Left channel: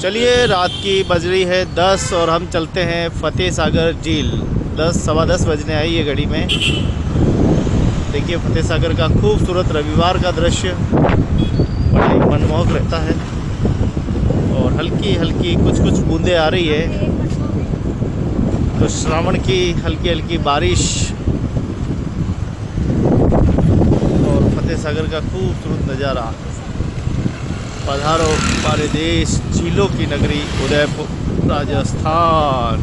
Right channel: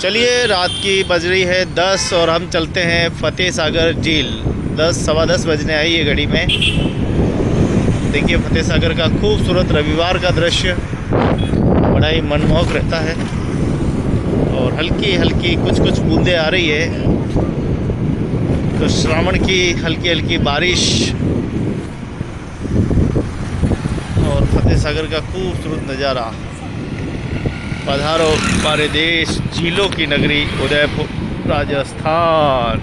चलिए, रात की बज रही है 10 और हम चलते हैं फतेह सागर झील। 10 सवा 10 बजने आई है घड़ी में। देखिए फतेह सागर का खूबसूरत रविवार का दृश्य बड़ा ही मनमोहक रहता है और हल्की हल्की कुछ कुछ बूंदें आ रही है, तो श्रावण की हल्की हल्की बारिश और फतेह सागर का खूबसूरत नज़ारा। पधारो हमारे देश झीलों की नगरी उदयपुर राजस्थान।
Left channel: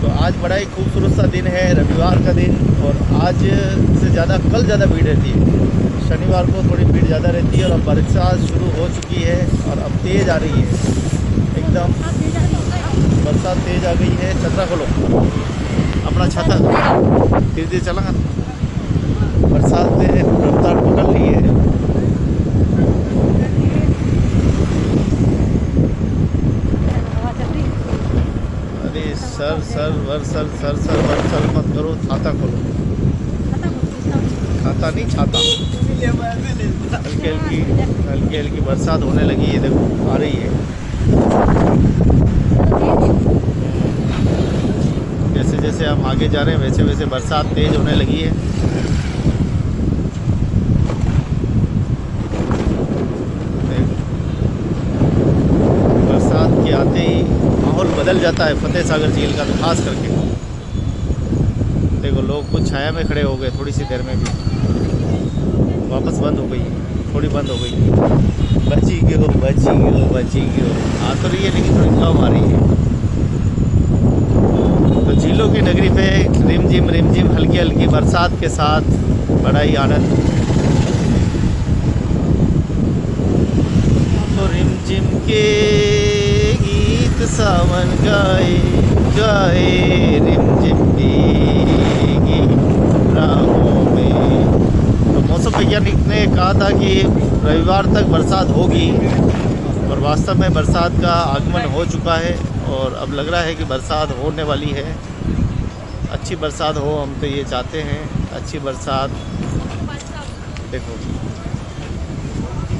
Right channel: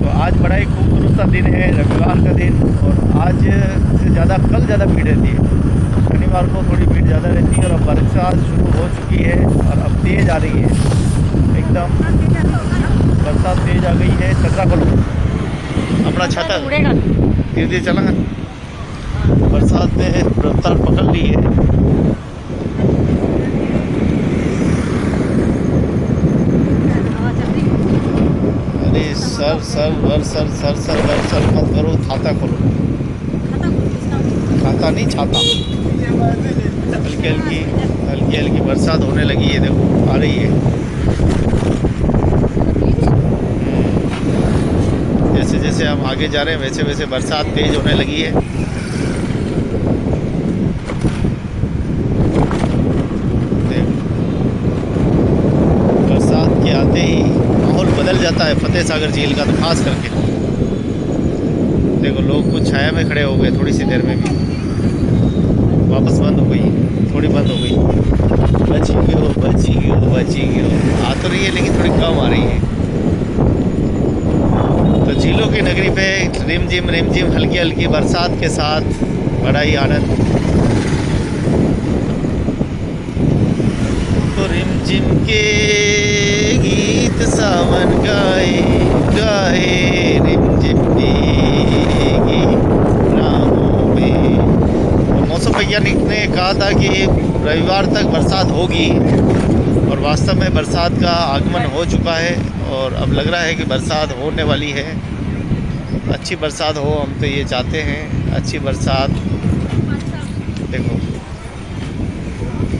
तो आज बड़ा ही खूबसूरत सा दिन है, रविवार का दिन, और आज से ज़्यादा कल ज़्यादा भीड़ रहती है। शनिवार को थोड़ी भीड़ ज़्यादा रहती है और अब बरसात शुरू हो चुकी है और अब तेज़ आ रही है, एकदम बरसात तेज़ आ गई है। छतरा खोलो, अपना छाता धीरे धीरे चला, बरसात ने रफ्तार पकड़ ली है। अरे सर सर वर सर सर सर वर सर मत करो, छाता खोलो। छाता नहीं, छाता। हल्की हल्की बरसात होने लगी है, देखो आ रही है। जैसे जैसे हम आगे जा रहे हैं वैसे वैसे बरसात तेज होने लगी है। बरसात के आते ही माहौल बदल जाता है फतेह सागर झील का, तो खास करके देखो लोग कुछ छाया में खड़े हो गए, थोड़ी सी देर में भी वापस बंद हो गई, थोड़ी बंद हो गई। बची गई आ तो रही है लेकिन थोड़ी कम आ रही है। तो झीलों की नगरी पे रिमझिम हल्की हल्की बरसात के साथ बड़ा ही आनंद। तो रिमझिम के गीत सावन गाए गाए, रिमझिम भीगी राहों में। तो मौसम वैज्ञानिक ने कहा था कि रविवार तक बरसात होगी और वास्तव में बरसात का आगमन हो चुका है और अब लग रहा है कि बरसात होने वाली है। अच्छी बरसात हो, हम तो ये चाहते हैं, अच्छी बरसात। देखो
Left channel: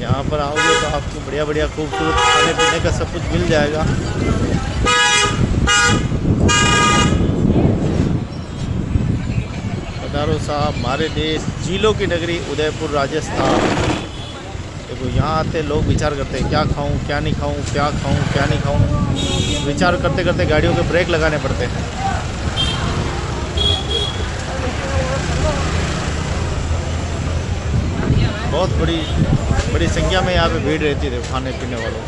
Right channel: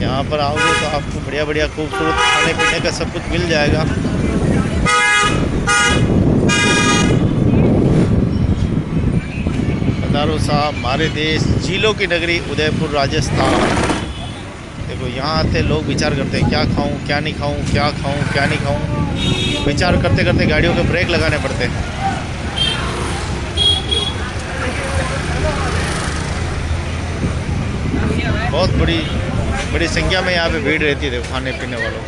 यहाँ पर आओगे तो आपको बढ़िया बढ़िया खूबसूरत खाने पीने का सब कुछ मिल जाएगा। पधारो साहब हमारे देश झीलों की नगरी उदयपुर राजस्थान। देखो यहाँ आते लोग विचार करते हैं क्या खाऊं क्या नहीं खाऊं, क्या खाऊं क्या नहीं खाऊं। विचार करते करते गाड़ियों के ब्रेक लगाने पड़ते हैं। बहुत बड़ी संख्या में यहाँ पे भीड़ रहती है खाने पीने वालों।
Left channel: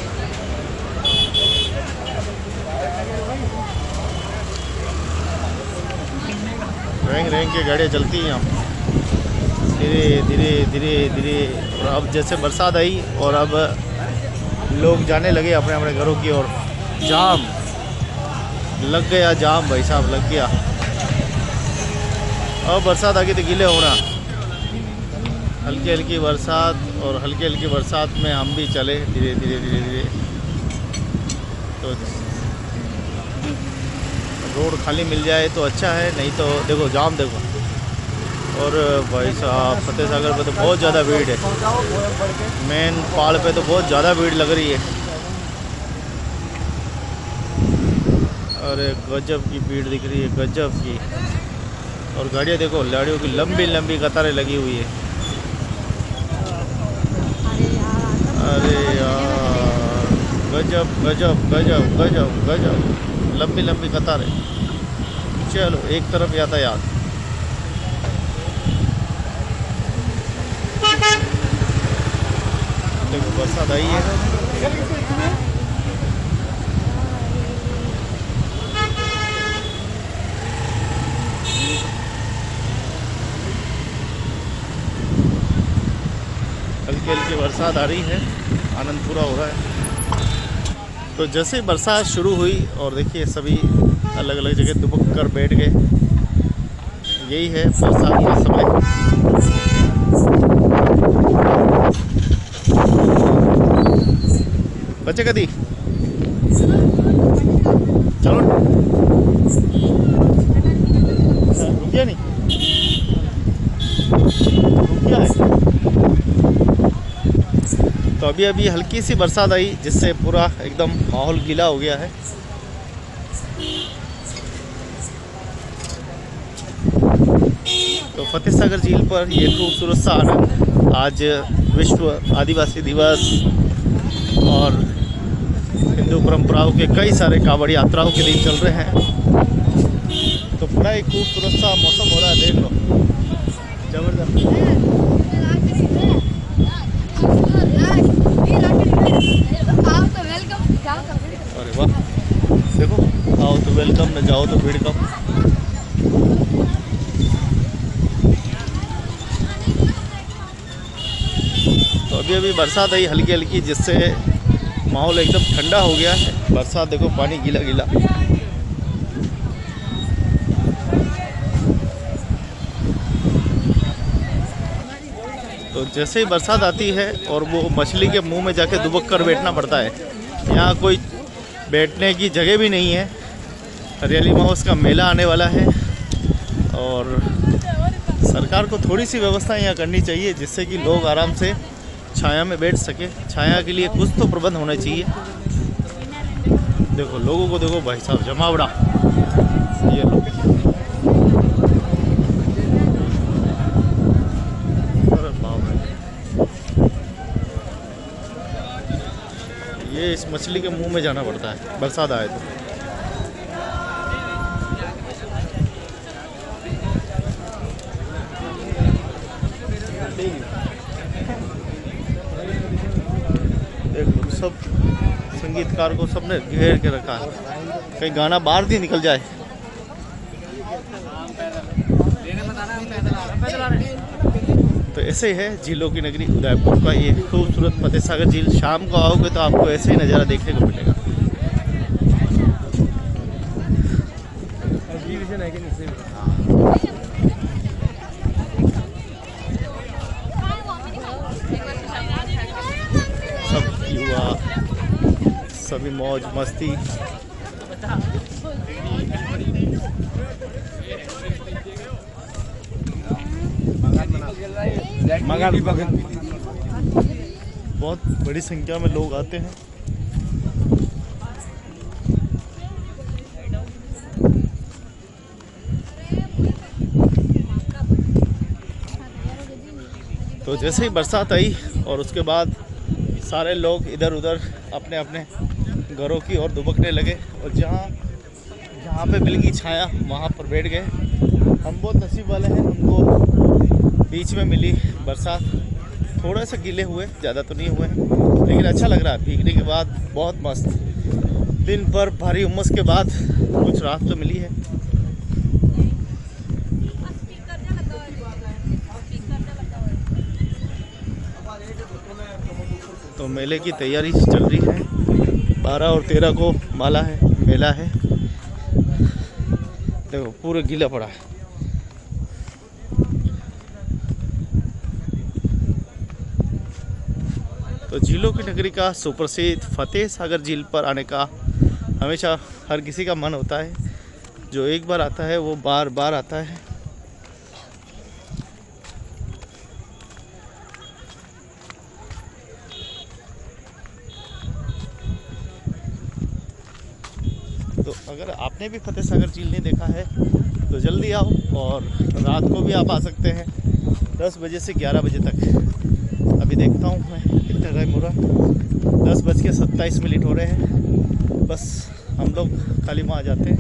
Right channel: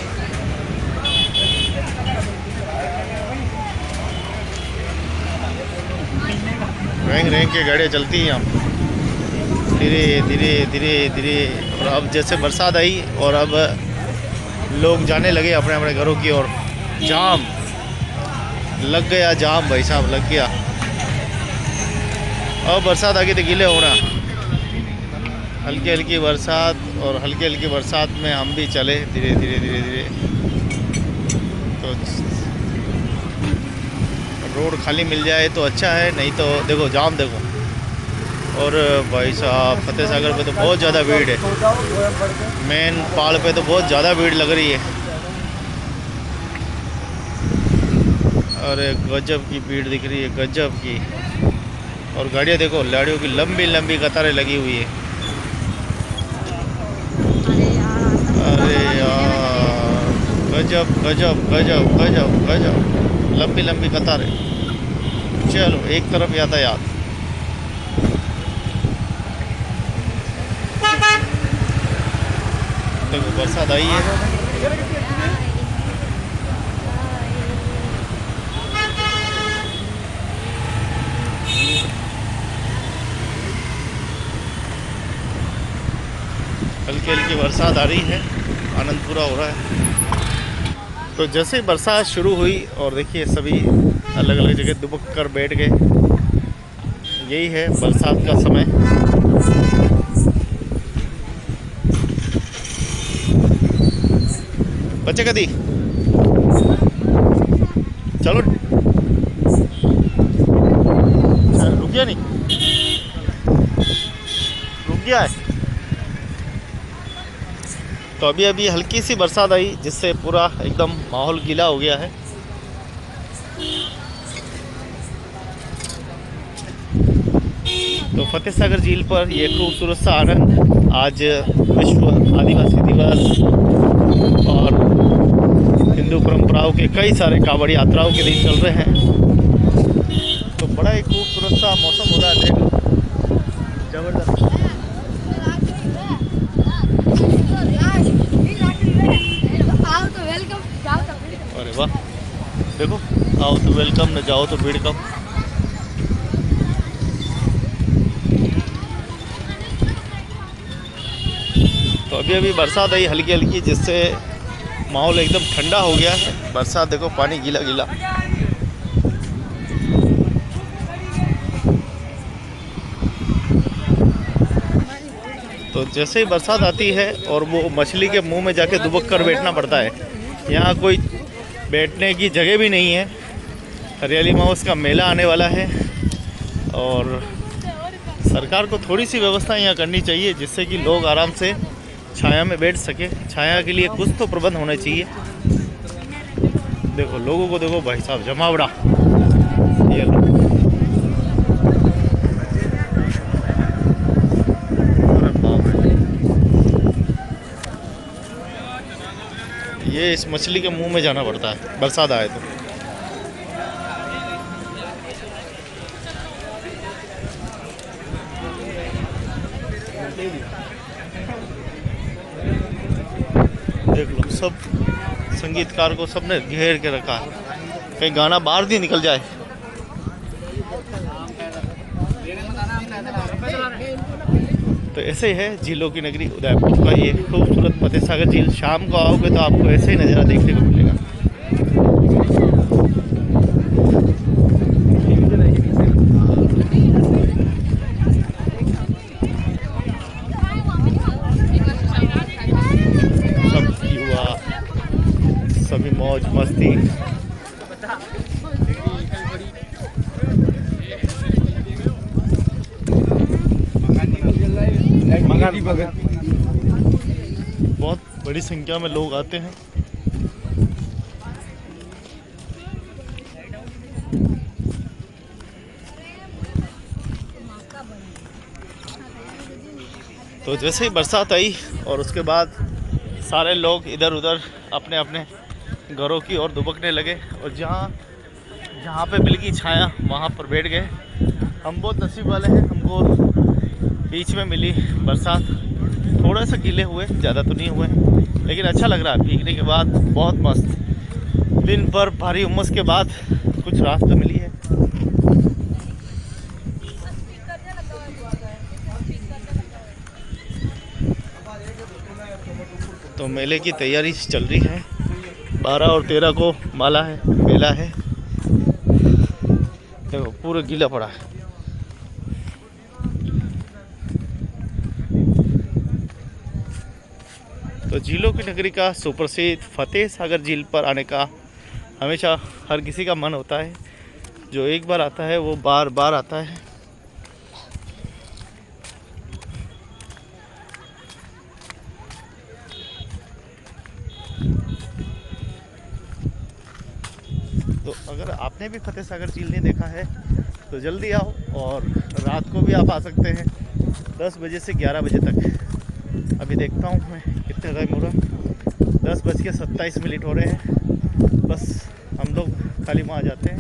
रेंग के गाड़ियाँ चलती हैं यहाँ धीरे। और अब जैसे बरसात आई और अब लोग जाने लगे अपने अपने घरों की ओर। जाम लग गया, जाम भाई साहब लग गया। अब बरसात आ गई तो गीले होना। हल्की हल्की बरसात और हल्की हल्की बरसात में हम भी चले धीरे। तो रोड खाली मिल जाए तो अच्छा है, नहीं तो देखो जाम देखो। और भाई साहब फतेह सागर पे तो बहुत ज़्यादा भीड़ है, मेन पहाड़ पे तो बहुत ज़्यादा भीड़ लग रही है। अरे गजब की भीड़ दिख रही है, गजब की। और गाड़ियाँ देखो, गाड़ियों की लंबी कतारें लगी हुई है। अरे यार गजब लंबी कतारें। चलो एक तरफ यातायात। देखो बरसात आई है। हल्की हल्की बरसात आ रही है, आनंद पूरा हो रहा है। तो जैसे ही बरसात शुरू हुई और देखिए सभी अलग अलग जगह दुबक कर बैठ गए। यही है बरसात का समय। बच्चे कदी चलो रुक गया, नहीं रुक गया है। तो अभी अभी हल्की सी बरसात आई जिससे पूरा एकदम माहौल गीला हो गया है। तो फतेह सागर झील पर ये खूबसूरत सा आनंद, आज विश्व आदिवासी दिवस और हिंदू परंपराओं के कई सारे कांवड़ यात्राओं के दिन चल रहे हैं। तो बड़ा ही खूबसूरत सा मौसम हो रहा है, देख लो, जबरदस्त। अरे वाह, देखो, आओ तो वेलकम, न जाओ तो भीड़ कम। तो अभी अभी बरसात आई हल्की हल्की, जिससे माहौल एकदम ठंडा हो गया है। बरसात देखो, पानी गीला गीला। तो जैसे ही बरसात आती है और वो मछली के मुंह में जाके दुबक कर बैठना पड़ता है। यहाँ कोई बैठने की जगह भी नहीं है। हरियाली महोत्सव का मेला आने वाला है और सरकार को थोड़ी सी व्यवस्था यहाँ करनी चाहिए जिससे कि लोग आराम से छाया में बैठ सके। छाया के लिए कुछ तो प्रबंध होना चाहिए। देखो लोगों को, देखो भाई साहब, जमावड़ा। ये ये इस मछली के मुंह में जाना पड़ता है बरसात आए तो। देख लो, सब संगीतकार को सबने घेर के रखा है, कहीं गाना बाहर नहीं निकल जाए। तो ऐसे ही है झीलों की नगरी उदयपुर का ये खूबसूरत फतेह सागर झील। शाम को आओगे तो आपको ऐसे ही नज़ारा देखने को मिलेगा। सब युवा, सभी मौज मस्ती। बहुत बड़ी संख्या में लोग आते हैं। तो जैसे ही बरसात आई और उसके बाद सारे लोग इधर उधर अपने अपने घरों की ओर दुबकने लगे और जहाँ पे मिल गई छाया वहाँ पर बैठ गए। हम बहुत नसीब वाले हैं, हमको बीच में मिली बरसात। थोड़ा सा गीले हुए, ज़्यादा तो नहीं हुए, लेकिन अच्छा लग रहा है भीगने के बाद। बहुत मस्त, दिन भर भारी उमस के बाद कुछ राहत तो मिली है। तो मेले की तैयारी चल रही है। 12 और 13 को मेला है। देखो पूरा गीला पड़ा है। तो झीलों की नगरी का सुप्रसिद्ध फतेह सागर झील पर आने का हमेशा हर किसी का मन होता है। जो एक बार आता है वो बार बार आता है। तो अगर आपने भी फतेह सागर झील नहीं देखा है तो जल्दी आओ, और रात को भी आप आ सकते हैं 10 बजे से 11 बजे तक। अभी देखता हूँ मैं कितने टाइम हो रहा, 10:27 हो रहे हैं। बस हम लोग खाली वहाँ जाते हैं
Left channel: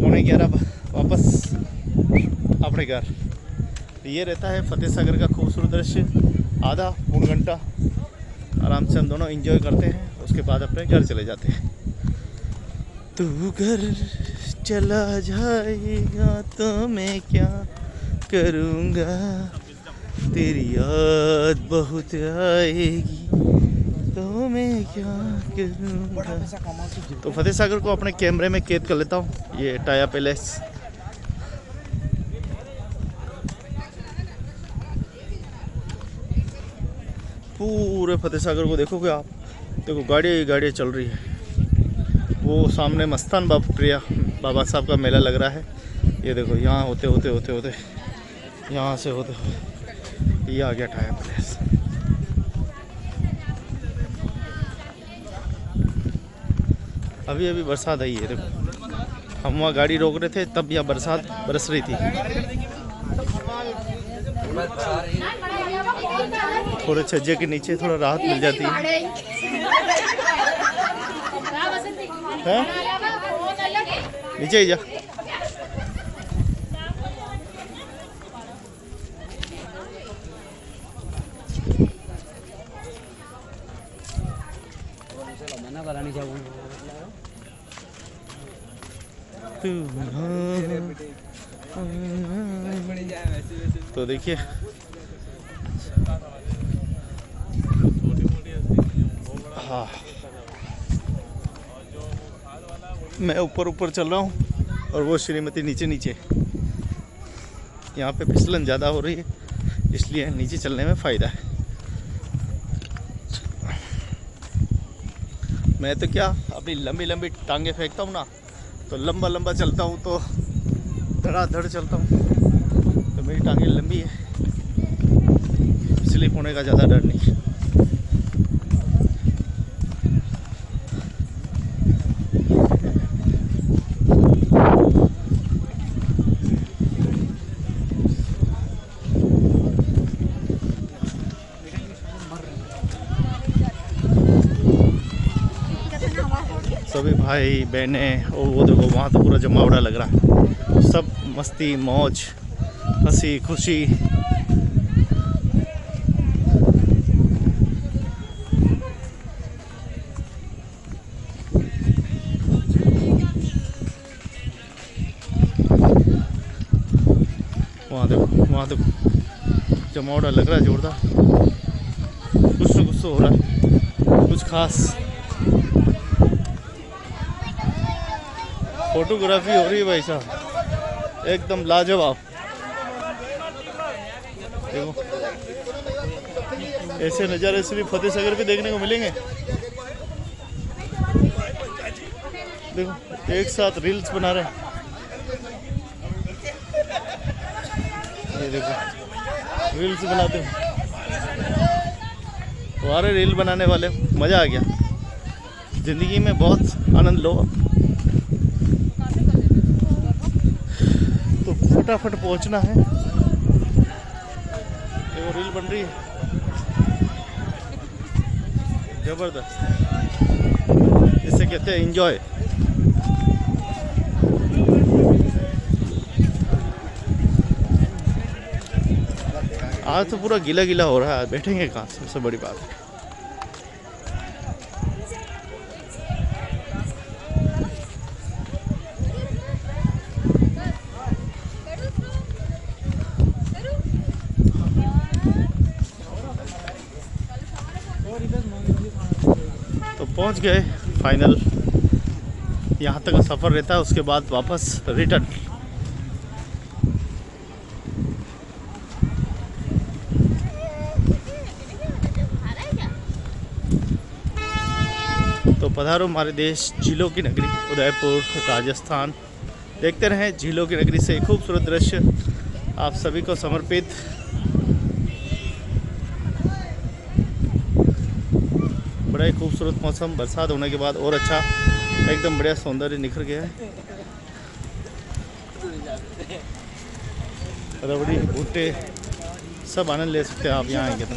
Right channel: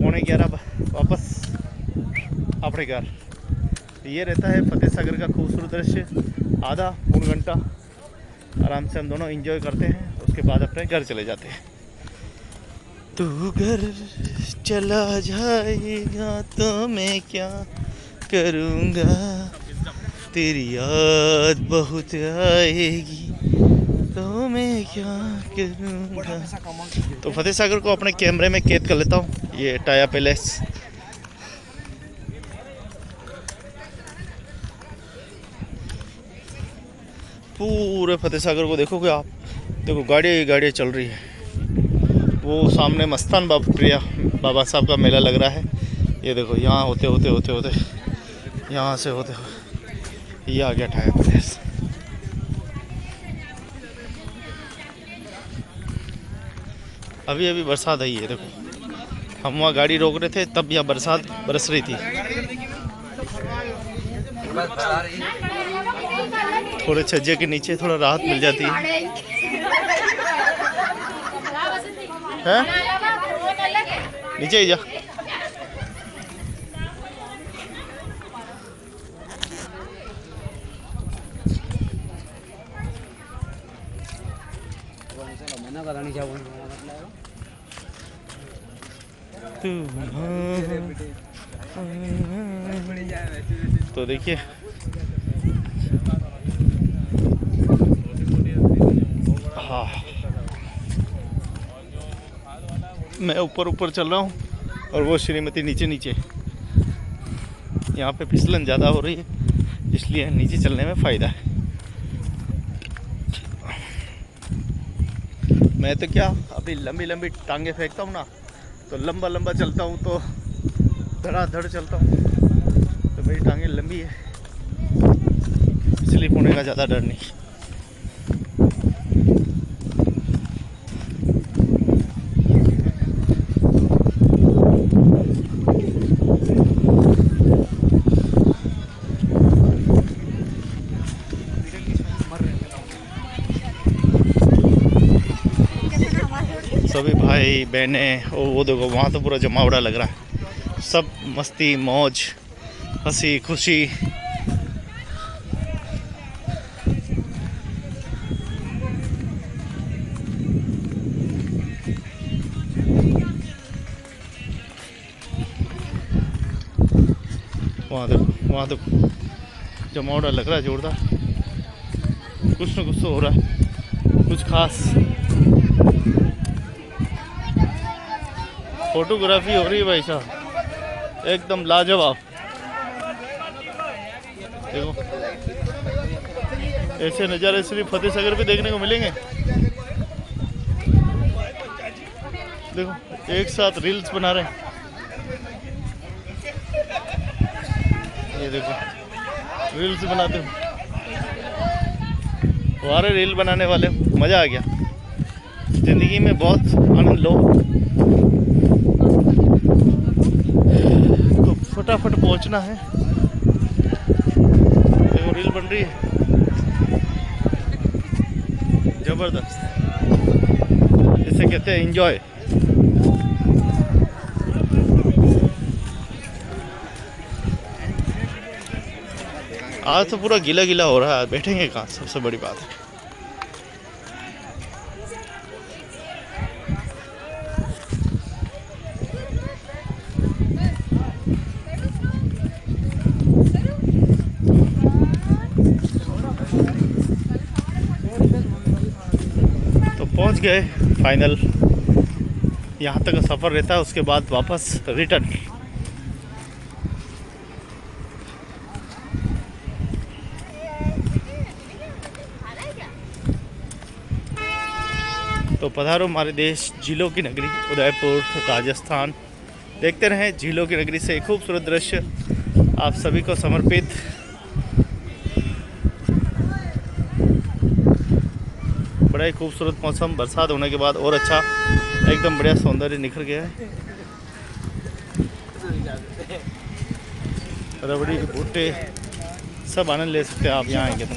11:15 वापस अपने घर। ये रहता है फतेह सागर का खूबसूरत दृश्य। आधा पौन घंटा आराम से हम दोनों एंजॉय करते हैं, उसके बाद अपने घर चले जाते हैं। तू घर चला जाएगा तो मैं क्या करूँगा, तेरी याद बहुत आएगी तो मैं क्या करूँगा। तो फतेह सागर को अपने कैमरे में कैद कर लेता हूँ। ये टाया पैलेस। पूरे फतेह सागर को देखोगे आप, देखो गाड़ियाँ चल रही है। वो सामने मस्तान बाबा साहब का मेला लग रहा है। ये देखो यहाँ होते यहाँ से होते हुए ये आ गया टाया पैलेस। अभी अभी बरसात आई है, देखो हम वहाँ गाड़ी रोक रहे थे तब यहाँ बरसात बरस रही थी। थोड़े छज्जे के नीचे थोड़ा राहत मिल जाती है। नीचे ही जा। तो देखिए हाँ, मैं ऊपर ऊपर चल रहा हूँ और वो श्रीमती नीचे नीचे। यहाँ पे फिसलन ज़्यादा हो रही है इसलिए नीचे चलने में फ़ायदा है। मैं तो क्या अभी लंबी लंबी टांगे फेंकता हूँ ना, तो लंबा लंबा चलता हूँ तो धड़ाधड़ चलता हूँ, तो मेरी टांगे लंबी है, स्लिप होने का ज़्यादा डर नहीं। सभी भाई बहनें, वो देखो वहाँ तो पूरा जमावड़ा लग रहा है, सब मस्ती मौज हंसी खुशी। वहाँ देखो जमावड़ा लग रहा है जोरदार, कुछ न कुछ तो हो रहा है, कुछ खास फोटोग्राफी हो रही है भाई साहब, एकदम लाजवाब। देखो ऐसे नज़ारे सिर्फ फतेह सागर पे देखने को मिलेंगे। देखो एक साथ रील्स बना रहे हैं, ये देखो रील्स बनाते हो, वारे रील बनाने वाले, मज़ा आ गया। ज़िंदगी में बहुत आनंद लो तो फटाफट पहुंचना है। देखो रील बन रही है जबरदस्त, इसे कहते हैं एंजॉय। आज तो पूरा गीला गीला हो रहा है, बैठेंगे कहाँ, सबसे बड़ी बात है। तो पहुंच गए फाइनल, यहाँ तक का सफ़र रहता है, उसके बाद वापस रिटर्न। तो पधारो हमारे देश झीलों की नगरी उदयपुर राजस्थान। देखते रहें झीलों की नगरी से खूबसूरत दृश्य आप सभी को समर्पित। बड़ा ही खूबसूरत मौसम, बरसात होने के बाद और अच्छा, एकदम बढ़िया सौंदर्य निखर गया है। रबड़ी भुट्टे सब आनंद ले सकते हैं आप यहाँ आएंगे तो।